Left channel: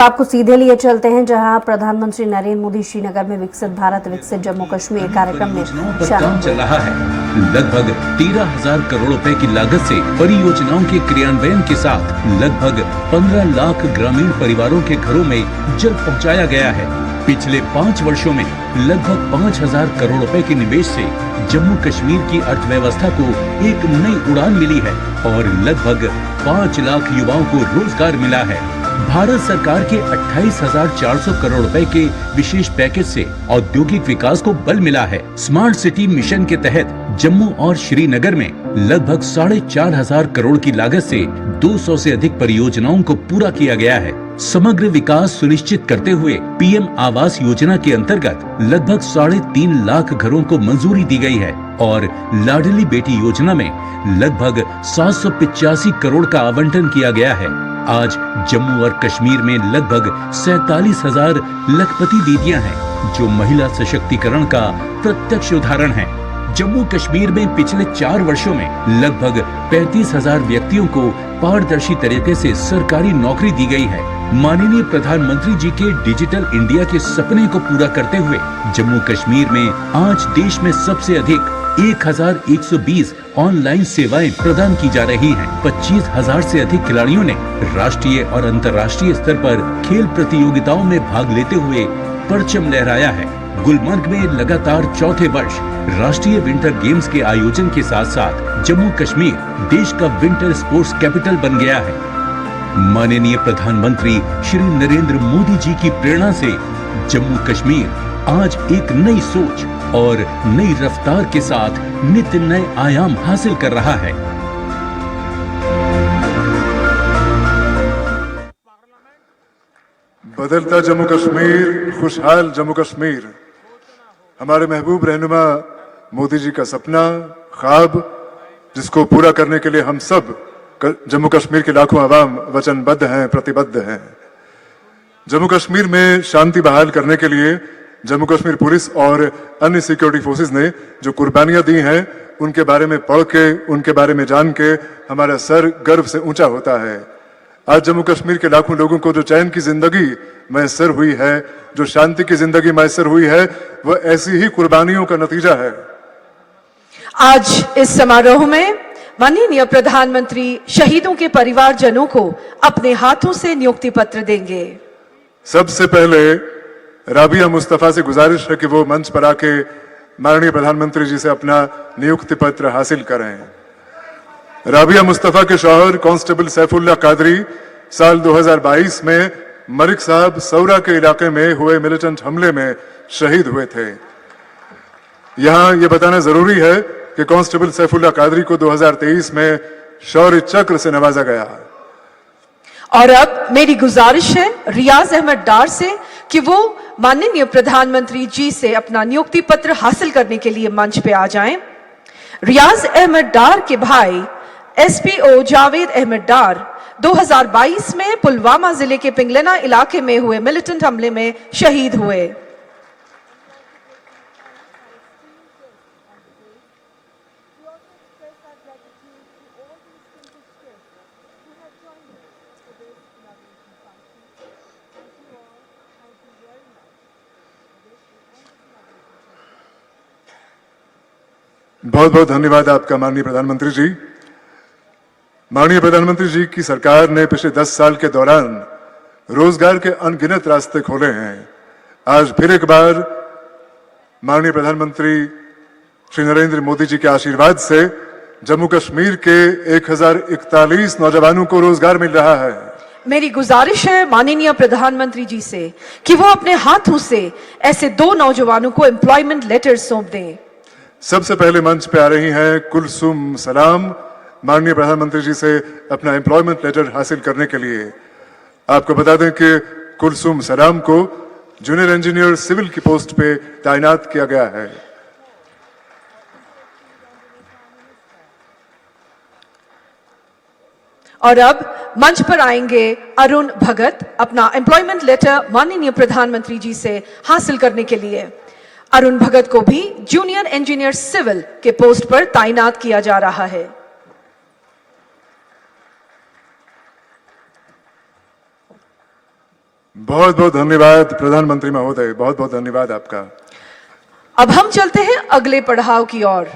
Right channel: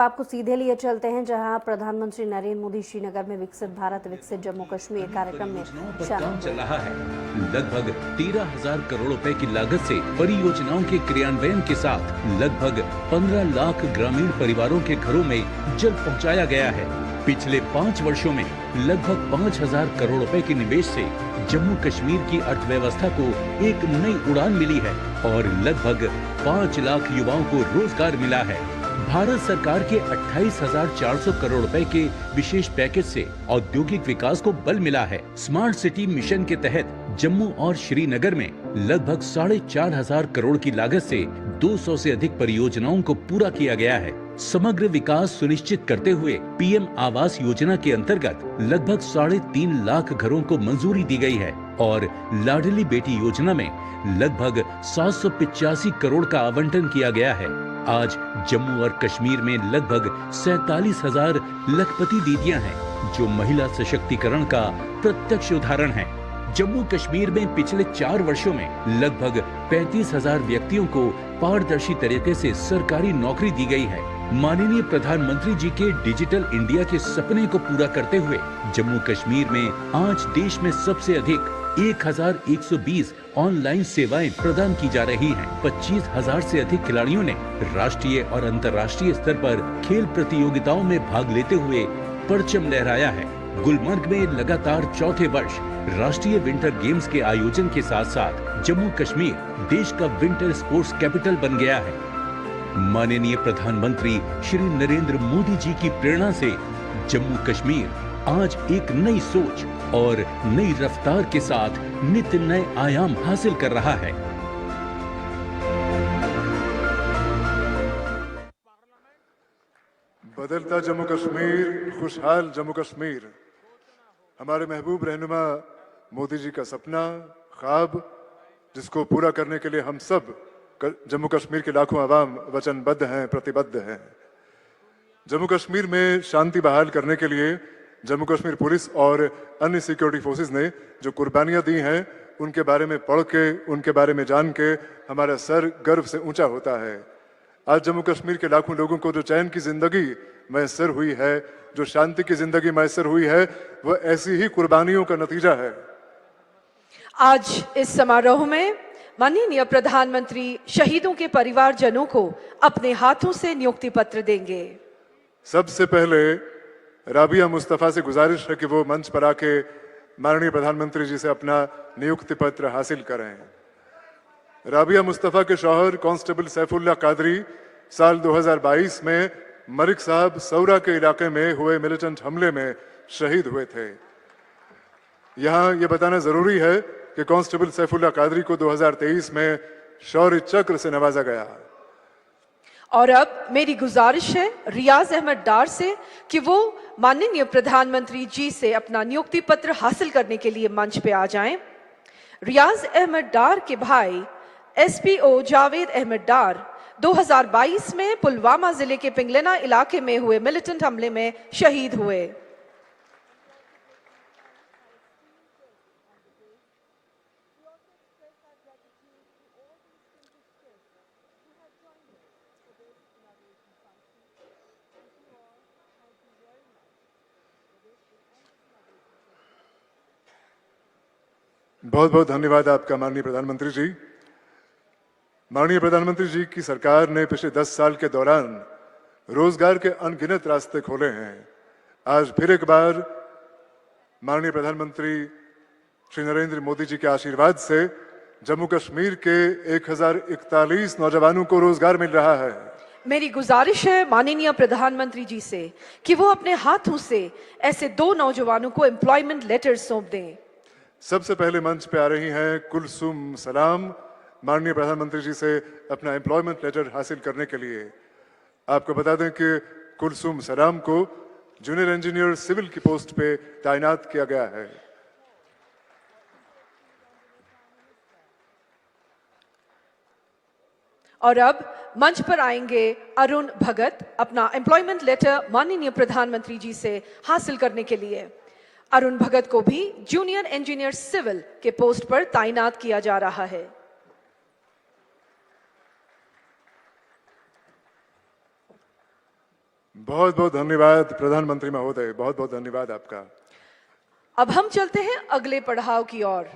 आपको सीधे लिए चलते हैं जहां प्रधानमंत्री नरेंद्र मोदी श्रीनगर में विकसित भारत विकसित जम्मू कश्मीर कार्यक्रम में काम चल रहा है। लगभग 13,000 करोड़ रुपए की लागत से परियोजनाओं के क्रियान्वयन के साथ लगभग 15 लाख ग्रामीण परिवारों के घरों में जल पहुंचाया गया है। पिछले 5 वर्षों में लगभग 5,000 करोड़ रुपए के निवेश से जम्मू कश्मीर की अर्थव्यवस्था को एक नई उड़ान मिली है और लगभग 5 लाख युवाओं को रोजगार मिला है। भारत सरकार के 28,400 करोड़ रुपए के विशेष पैकेज से औद्योगिक विकास को बल मिला है। स्मार्ट सिटी मिशन के तहत जम्मू और श्रीनगर में लगभग 4,500 करोड़ की लागत से 200 से अधिक परियोजनाओं को पूरा किया गया है। समग्र विकास सुनिश्चित करते हुए पीएम आवास योजना के अंतर्गत लगभग 3.5 लाख घरों को मंजूरी दी गई है और लाडली बेटी योजना में लगभग 785 करोड़ का आवंटन किया गया है। आज जम्मू और कश्मीर में लगभग 47,000 लखपति दीदियां हैं, जो महिला सशक्तिकरण का प्रत्यक्ष उदाहरण है। जम्मू कश्मीर में पिछले 4 वर्षों में लगभग 35,000 व्यक्तियों को पारदर्शी तरीके से सरकारी नौकरी दी गई है। माननीय प्रधानमंत्री जी के डिजिटल इंडिया के सपने को पूरा करते हुए जम्मू कश्मीर में आज देश में सबसे अधिक 1,120 ऑनलाइन सेवाएं प्रदान की जा रही हैं। 25,000 से अधिक खिलाड़ियों ने राष्ट्रीय और अंतर्राष्ट्रीय स्तर पर खेल प्रतियोगिताओं में भाग लेते हुए परचम लहराया है। गुलमर्ग में लगातार चौथे वर्ष राष्ट्रीय विंटर गेम्स के आयोजन के साथ साथ जम्मू कश्मीर देश का विंटर स्पोर्ट्स कैपिटल बन गया है। माननीय प्रधानमंत्री श्री नरेंद्र मोदी जी की प्रेरणा से जम्मू कश्मीर आज एक नई सोच और नई रफ्तार के साथ नित्य नए आयाम हासिल कर रहा है। बदलता जम्मू कश्मीर, खुशहाल जम्मू कश्मीर, हमारे महबूब रहनुमा मोदी जी का सपना, ख्वाब, जिसको पूरा करने के लिए हम सब जम्मू कश्मीर के लाखों आवाम वचनबद्ध हैं, प्रतिबद्ध हैं। जम्मू कश्मीर में शांति बहाल करने के लिए जम्मू कश्मीर पुलिस और अन्य सिक्योरिटी फोर्सेस ने जो कुर्बानियां दी हैं, उनके बारे में पढ़ के, उनके बारे में जान के हमारा सर गर्व से ऊंचा होता है। आज जम्मू कश्मीर के लाखों लोगों को जो चैन की जिंदगी मैसर हुई है, जो शांति की जिंदगी मैसर हुई है, वह ऐसी ही कुर्बानियों का नतीजा है। आज इस समारोह में माननीय प्रधानमंत्री शहीदों के परिवारजनों को अपने हाथों से नियुक्ति पत्र देंगे। सबसे पहले राबिया मुस्तफा से गुजारिश है कि वो मंच पर आके माननीय प्रधानमंत्री जी से अपना नियुक्ति पत्र हासिल करें। राबिया मुस्तफा के शौहर कांस्टेबल सैफुल्लाह कादरी साल 2022 में मरिक साहब सौरा के इलाके में हुए मिलिटेंट हमले में शहीद हुए थे। यहां यह बताना जरूरी है कि कांस्टेबल सैफुल्लाह कादरी को 2023 में शौर्य चक्र से नवाजा गया। और अब मेरी गुजारिश है रियाज अहमद डार से कि वो माननीय प्रधानमंत्री जी से अपना नियुक्ति पत्र हासिल करने के लिए मंच पे आ जाएं। रियाज अहमद डार के भाई एसपीओ जावेद अहमद डार 2022 में पुलवामा जिले के पिंगलना इलाके में हुए मिलिटेंट हमले में शहीद हुए। बहुत बहुत धन्यवाद आपका माननीय प्रधानमंत्री जी। माननीय प्रधानमंत्री जी की सरकार ने पिछले 10 साल के दौरान रोजगार के अनगिनत रास्ते खोले हैं। आज फिर एक बार माननीय प्रधानमंत्री श्री नरेंद्र मोदी जी के आशीर्वाद से जम्मू कश्मीर के 1,041 नौजवानों को रोजगार मिल रहा है। मेरी गुजारिश है माननीय प्रधानमंत्री जी से कि वो अपने हाथों से ऐसे 2 नौजवानों को एम्प्लॉयमेंट लेटर सौंप दें। सबसे पहले मंच पे आ रही हैं कुलसुम सलाम, माननीय प्रधानमंत्री जी से अपना एम्प्लॉयमेंट लेटर हासिल करने के लिए। आपको बता दें कि कुलसुम सलाम को जूनियर इंजीनियर सिविल की पोस्ट पे तैनात किया गया है। और अब मंच पर आएंगे अरुण भगत अपना एम्प्लॉयमेंट लेटर माननीय प्रधानमंत्री जी से हासिल करने के लिए। अरुण भगत को भी जूनियर इंजीनियर सिविल के पोस्ट पर तैनात किया जा रहा है। बहुत बहुत धन्यवाद प्रधानमंत्री महोदय, बहुत बहुत धन्यवाद आपका। अब हम चलते हैं अगले पड़ाव की ओर।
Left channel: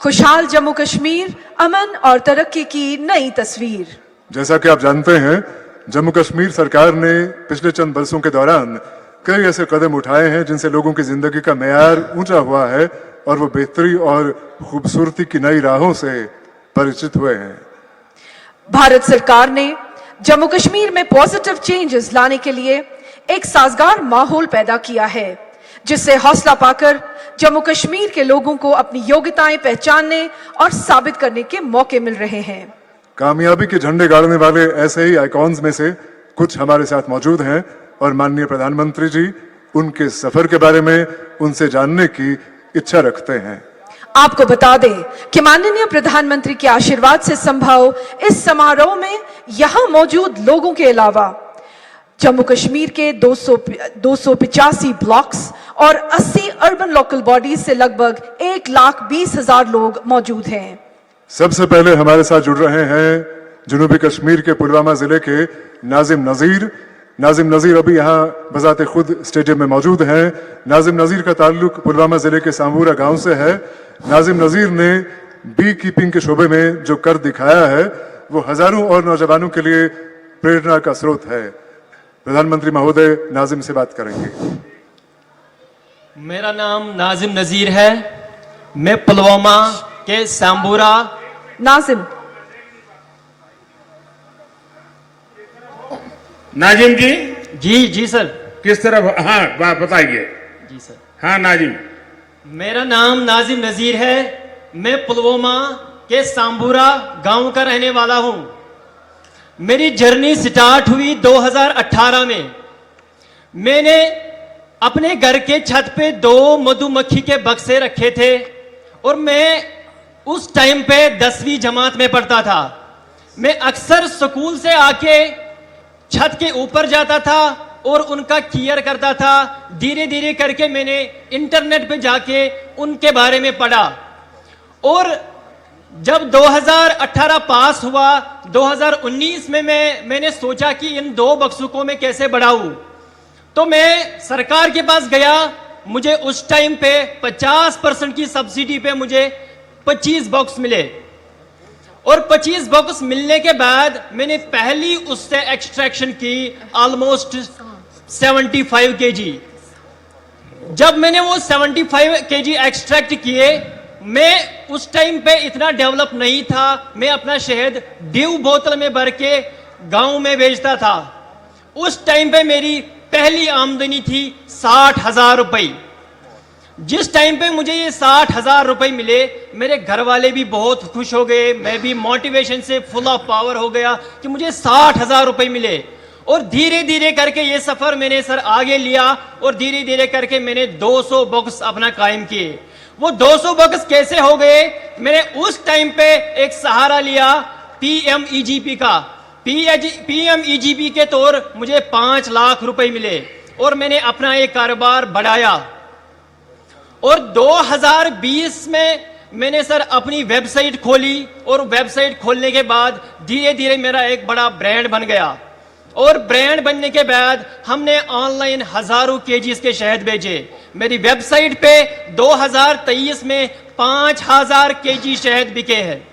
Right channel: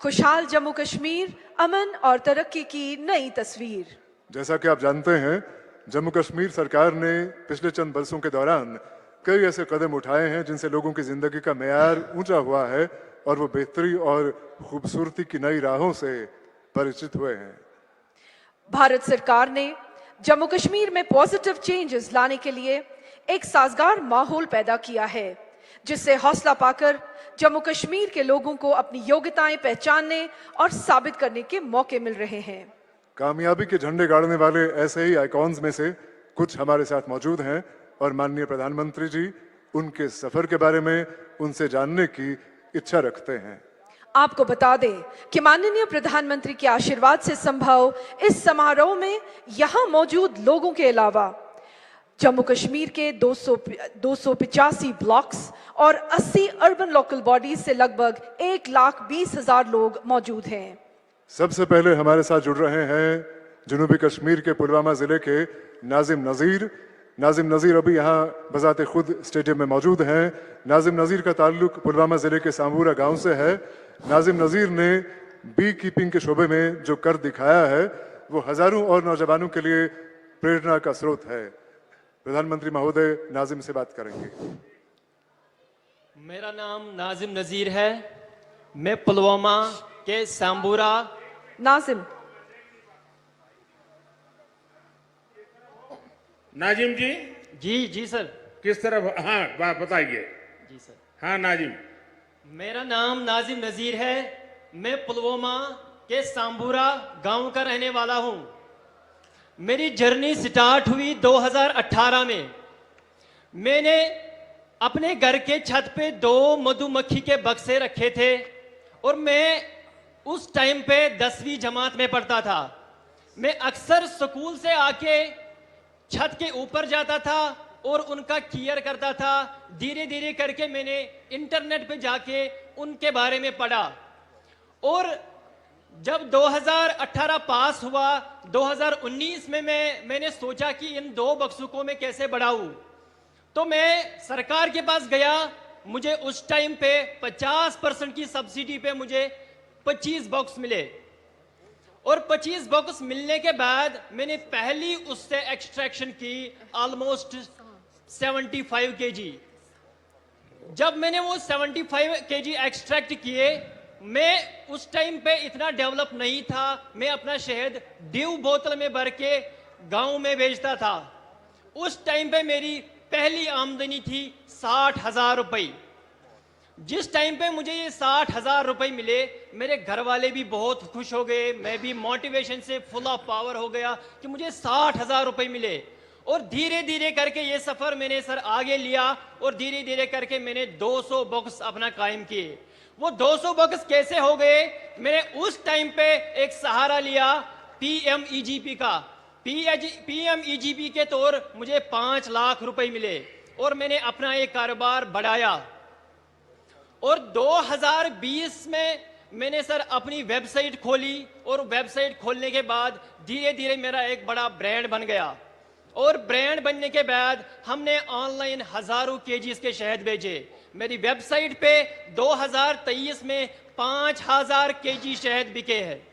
खुशहाल जम्मू कश्मीर, अमन और तरक्की की नई तस्वीर। जैसा कि आप जानते हैं, जम्मू कश्मीर सरकार ने पिछले चंद वर्षों के दौरान कई ऐसे कदम उठाए हैं जिनसे लोगों की जिंदगी का मेयार ऊंचा हुआ है और वो बेहतरी और खूबसूरती की नई राहों से परिचित हुए हैं। भारत सरकार ने जम्मू कश्मीर में पॉजिटिव चेंजेस लाने के लिए एक साजगार माहौल पैदा किया है, जिससे हौसला पाकर जम्मू कश्मीर के लोगों को अपनी योग्यताएं पहचानने और साबित करने के मौके मिल रहे हैं। कामयाबी के झंडे गाड़ने वाले ऐसे ही आइकॉन्स में से कुछ हमारे साथ मौजूद हैं और माननीय प्रधानमंत्री जी उनके सफर के बारे में उनसे जानने की इच्छा रखते हैं। आपको बता दें कि माननीय प्रधानमंत्री के आशीर्वाद से संभव इस समारोह में यहां मौजूद लोगों के अलावा जम्मू कश्मीर के 285 ब्लॉक्स और 80 अर्बन लोकल बॉडीज से लगभग 1,20,000 लोग मौजूद हैं। सबसे पहले हमारे साथ जुड़ रहे हैं जनूबी कश्मीर के पुलवामा जिले के नाजिम नजीर। नाजिम नजीर अभी यहाँ बजाते खुद स्टेडियम में मौजूद हैं। नाजिम नजीर का ताल्लुक पुलवामा जिले के सांबूरा गांव से है। नाजिम नजीर ने बी कीपिंग के शोबे में जो कर दिखाया है वो हजारों और नौजवानों के लिए प्रेरणा का स्रोत है। प्रधानमंत्री महोदय नाजिम से बात करेंगे। मेरा नाम नाजिम नजीर है। मैं पुलवामा के सांबूरा। नाजिम नाजिम जी, जी सर। किस तरफ? हाँ बताइए। जी सर। हाँ नाजिम, मेरा नाम नाजिम नजीर है। मैं पुलवामा के सांबूरा गांव का रहने वाला हूं। मेरी जर्नी स्टार्ट हुई 2018 में। मैंने अपने घर के छत पे 2 मधुमक्खी के बक्से रखे थे और मैं उस टाइम पे 10वीं जमात में पढ़ता था। मैं अक्सर स्कूल से आके छत के ऊपर जाता था और उनका केयर करता था। धीरे धीरे करके मैंने इंटरनेट पे जाके उनके बारे में पढ़ा और जब 2018 पास हुआ, 2019 में मैंने सोचा कि इन 2 बक्सों को मैं कैसे बढ़ाऊं। तो मैं सरकार के पास गया। मुझे उस टाइम पे 50% की सब्सिडी पे मुझे 25 बॉक्स मिले और 25 बॉक्स मिलने के बाद मैंने पहली उससे एक्सट्रैक्शन की ऑलमोस्ट 75 केजी। जब मैंने वो 75 केजी एक्सट्रैक्ट किए, मैं उस टाइम पे इतना डेवलप नहीं था। मैं अपना शहद ड्यू बोतल में भर के गांव में बेचता था। उस टाइम पे मेरी पहली आमदनी थी 60,000 रुपए। जिस टाइम पे मुझे ये 60,000 रुपए मिले, मेरे घर वाले भी बहुत खुश हो गए। मैं भी मोटिवेशन से फुल ऑफ पावर हो गया कि मुझे 60,000 रुपए मिले। और धीरे धीरे करके ये सफर मैंने सर आगे लिया और धीरे धीरे करके मैंने 200 बॉक्स अपना कायम किए। वो 200 बॉक्स कैसे हो गए? मैंने उस टाइम पे एक सहारा लिया PMEGP का। PMEGP के तौर मुझे 5 लाख रुपए मिले और मैंने अपना एक कारोबार बढ़ाया। और 2020 में मैंने सर अपनी वेबसाइट खोली और वेबसाइट खोलने के बाद धीरे धीरे मेरा एक बड़ा ब्रांड बन गया। और ब्रांड बनने के बाद हमने ऑनलाइन हजारों केजीज के शहद बेचे। मेरी वेबसाइट पे 2023 में 5,000 केजी शहद बिके हैं।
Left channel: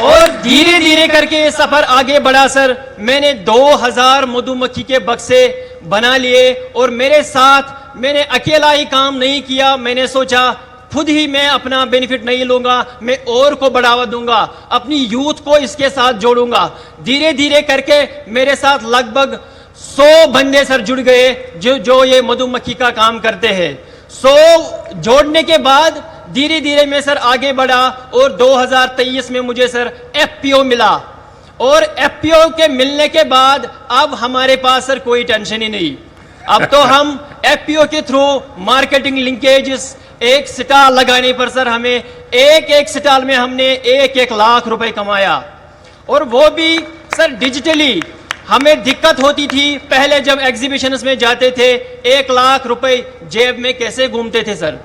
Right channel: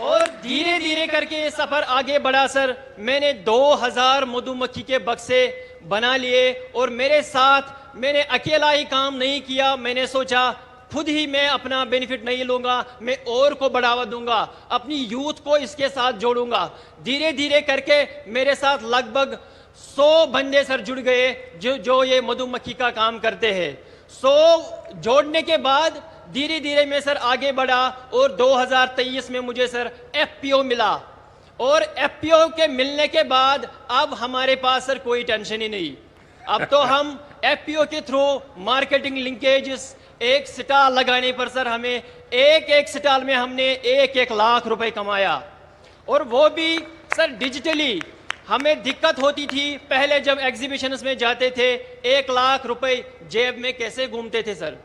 और धीरे धीरे करके ये सफर आगे बढ़ा सर। मैंने 2000 मधुमक्खी के बक्से बना लिए और मेरे साथ मैंने अकेला ही काम नहीं किया। मैंने सोचा खुद ही मैं अपना बेनिफिट नहीं लूंगा, मैं और को बढ़ावा दूंगा, अपनी यूथ को इसके साथ जोड़ूंगा। धीरे धीरे करके मेरे साथ लगभग 100 बंदे सर जुड़ गए जो ये मधुमक्खी का काम करते हैं। 100 जोड़ने के बाद धीरे धीरे मैं सर आगे बढ़ा और 2023 में मुझे सर FPO मिला। और FPO के मिलने के बाद अब हमारे पास सर कोई टेंशन ही नहीं। अब तो हम FPO के थ्रू मार्केटिंग लिंकेजेस, एक स्टॉल लगाने पर सर हमें एक स्टॉल में हमने 1-1 लाख रुपए कमाया। और वो भी सर डिजिटली। हमें दिक्कत होती थी पहले जब एग्जीबिशंस में जाते थे, 1 लाख रुपए जेब में कैसे घूमते थे सर।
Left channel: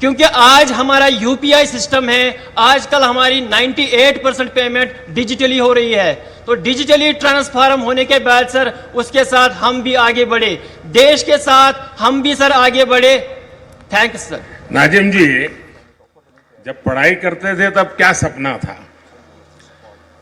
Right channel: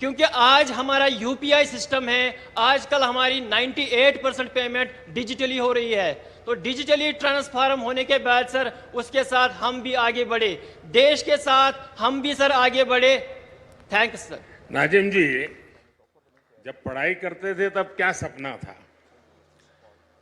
क्योंकि आज हमारा यूपीआई सिस्टम है, आजकल हमारी 98% पेमेंट डिजिटली हो रही है। तो डिजिटली ट्रांसफॉर्म होने के बाद सर उसके साथ हम भी आगे बढ़े, देश के साथ हम भी सर आगे बढ़े। Thanks sir. नाजिम जी, जब पढ़ाई करते थे तब क्या सपना था?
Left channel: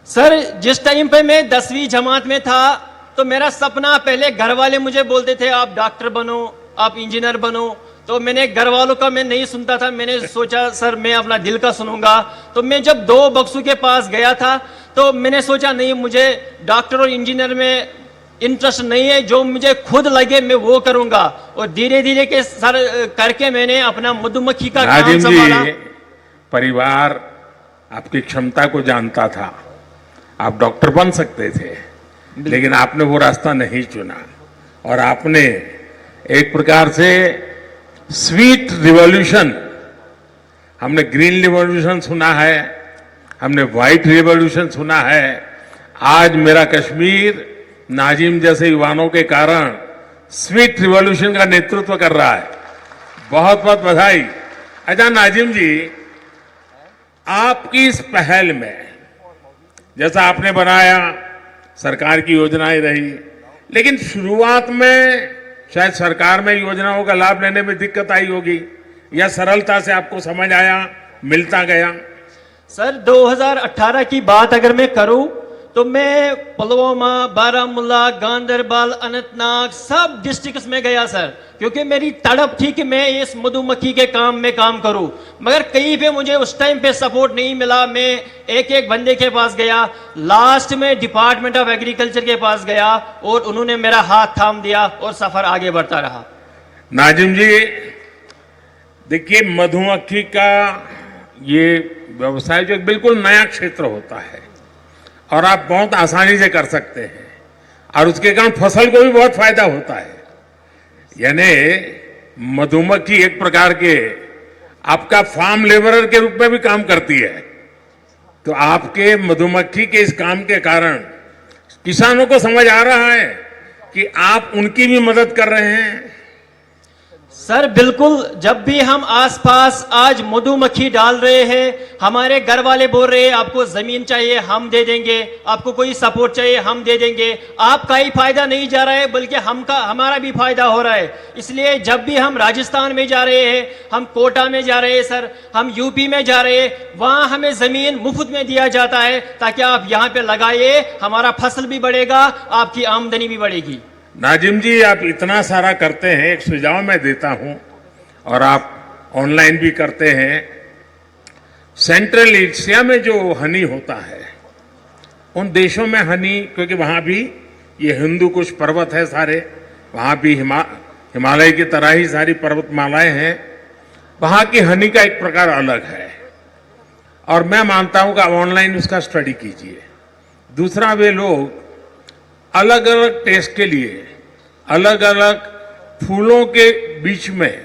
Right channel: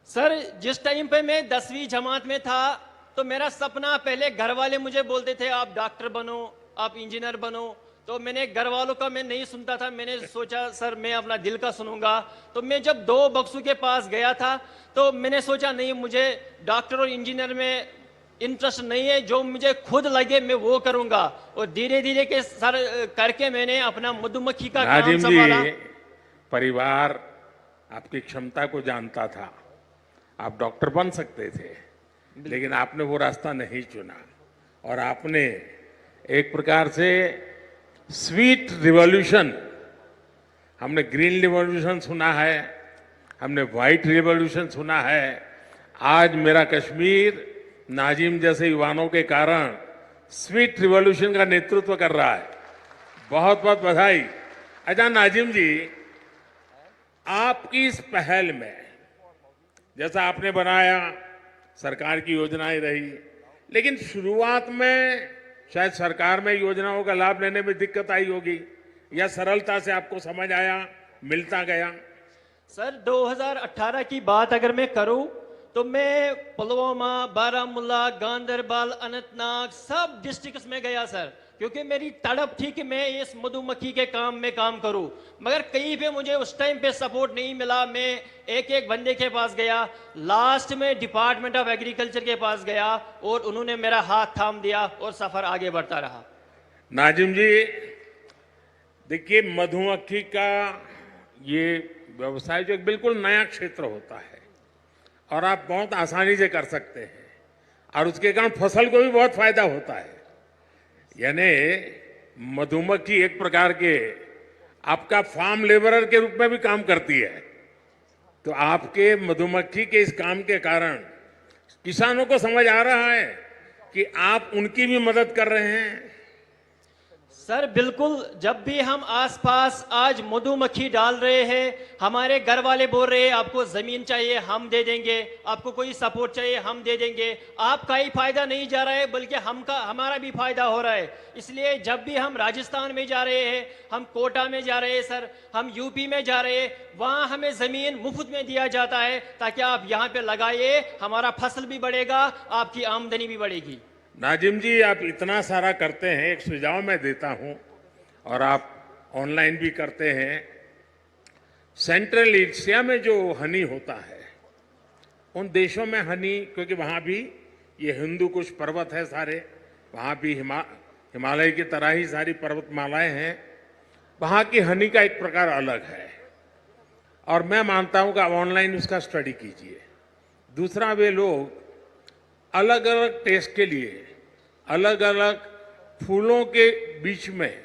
सर जिस टाइम पे मैं 10वीं जमात में था तो मेरा सपना, पहले घर वाले मुझे बोलते थे आप डॉक्टर बनो, आप इंजीनियर बनो, तो मैंने घर वालों का मैं नहीं सुनता था। मैंने सोचा सर मैं अपना दिल का सुनूंगा। तो मैं जब 2 बक्सों के पास गया था तो मैंने सोचा नहीं, मुझे डॉक्टर और इंजीनियर में इंटरेस्ट नहीं है, जो मुझे खुद लगे मैं वो करूंगा। और धीरे धीरे के सर करके मैंने अपना मधुमक्खी का काम नाजिम संभाला। जी, परिवार आपकी क्षमता को जानता था, आप डॉक्टर बन सकते थे, लेकिन आपने वो रास्ता नहीं चुना और आपने एक प्रकार से स्वीट रिवॉल्यूशन, हमने ग्रीन रिवॉल्यूशन सुना है, हमने व्हाइट रिवॉल्यूशन सुना है, आज मेरा कश्मीर नाजिम जैसे युवाओं के कारण स्वीट रिवॉल्यूशन का नेतृत्व कर रहा है। बहुत बहुत बधाई। अच्छा नाजिम जी, आपकी इस पहल में, जैसा आपने बनाया, सरकार की योजनाएं रही, लेकिन शुरुआत में शायद सरकार में योजनाओं का लाभ लेने में दिक्कत आई होगी, या सरलता से आपको समझ आया, मिलता गया? सर 2018 की बात अगर मैं करूं तो मैं पुलवामा, बारामूला, गांधरबल, अनंतनाग सब डिस्ट्रिक्ट्स में गया सर, क्योंकि मेरी तड़प थी कि मैं इस मधुमक्खी के काम में काम करूं। मगर कहीं पे मुझे उस टाइम पे सपोर्ट नहीं मिला। मैं एक एक बंदे के पास गया, लास्ट में डिपार्टमेंट ऑफ एग्रीकल्चर के पास गया और उन्होंने मेरा हाथ थाम दिया और सफर आगे बढ़ता रहा। नाजिम जी, देखिए मधुमक्खी का ये व्यवसाय जो बिल्कुल नया क्षेत्र होता है और आप बहुत आसानी से कर सकते हैं, और उसके कारण फसल को भी बहुत फायदा होता है। यानी मधुमक्खी एक प्रकार के आपका फार्म लेबरर के रूप में भी काम करती है। तो आपके मधुमक्खी के इस काम के कारण किसानों को समझ आ रहा है कि आप उनकी भी मदद कर रहे हैं। सर बिल्कुल, जब भी हम आसपास आज मधुमक्खी डाल रहे हैं, हमारे घर वाले बोल रहे हैं आपको जमीन चाहिए हम दे देंगे, आपको कोई सपोर्ट चाहिए हम दे देंगे। आपका ही फायदा नहीं जा रहा है बल्कि हमारा भी फायदा हो रहा है। इसलिए जब भी हम राजस्थान में जा रहे हैं, हम कोटा में जा रहे हैं सर, हम यूपी में जा रहे हैं, वहां हमें जमीन मुफ्त में दिया जाता है ताकि आप यहाँ पे लगाइए, हमारा फसल भी बढ़ेगा, आपकी आमदनी भी बढ़ेगी। नाजिम जी, आप इतना सारा करते हैं, एक सुझाव मैं देता हूं, और आप ऑनलाइन भी करते हैं। सेंट्रल एशिया में जो हनी होता है, उन देशों में हनी, क्योंकि वहां भी ये हिंदू कुश पर्वत है सारे, वहां भी हिमालय की तरह ही सारी पर्वतमालाएं हैं, वहां की हनी का एक प्रकार अलग है, और मैं मानता हूं कि आप ऑनलाइन उसका स्टडी कीजिए। दूसरा, वे लोग अलग अलग टेस्ट के लिए अलग अलग फूलों के बीच में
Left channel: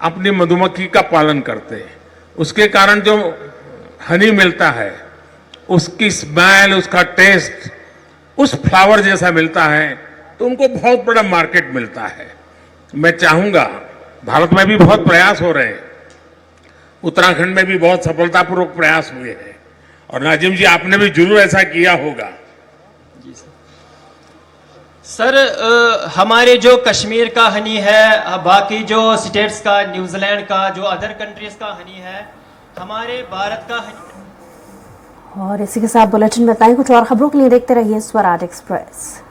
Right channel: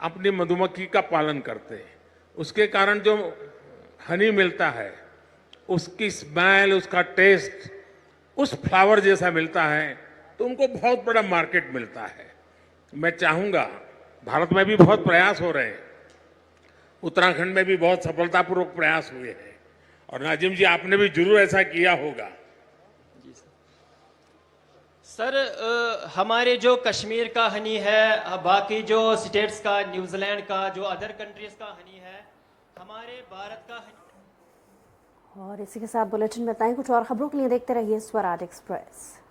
अपनी मधुमक्खी का पालन करते हैं। उसके कारण जो हनी मिलता है, उसकी स्मेल, उसका टेस्ट उस फ्लावर जैसा मिलता है, तो उनको बहुत बड़ा मार्केट मिलता है। मैं चाहूंगा, भारत में भी बहुत प्रयास हो रहे हैं, उत्तराखंड में भी बहुत सफलतापूर्वक प्रयास हुए हैं, और नाजिम जी आपने भी जरूर ऐसा किया होगा। सर हमारे जो कश्मीर का हनी है, बाकी जो स्टेट्स का, न्यूजीलैंड का, जो अदर कंट्रीज का हनी है, हमारे भारत का हनी। और इसी के साथ बुलेटिन में इतना ही। कुछ और खबरों के लिए देखते रहिए स्वराज एक्सप्रेस।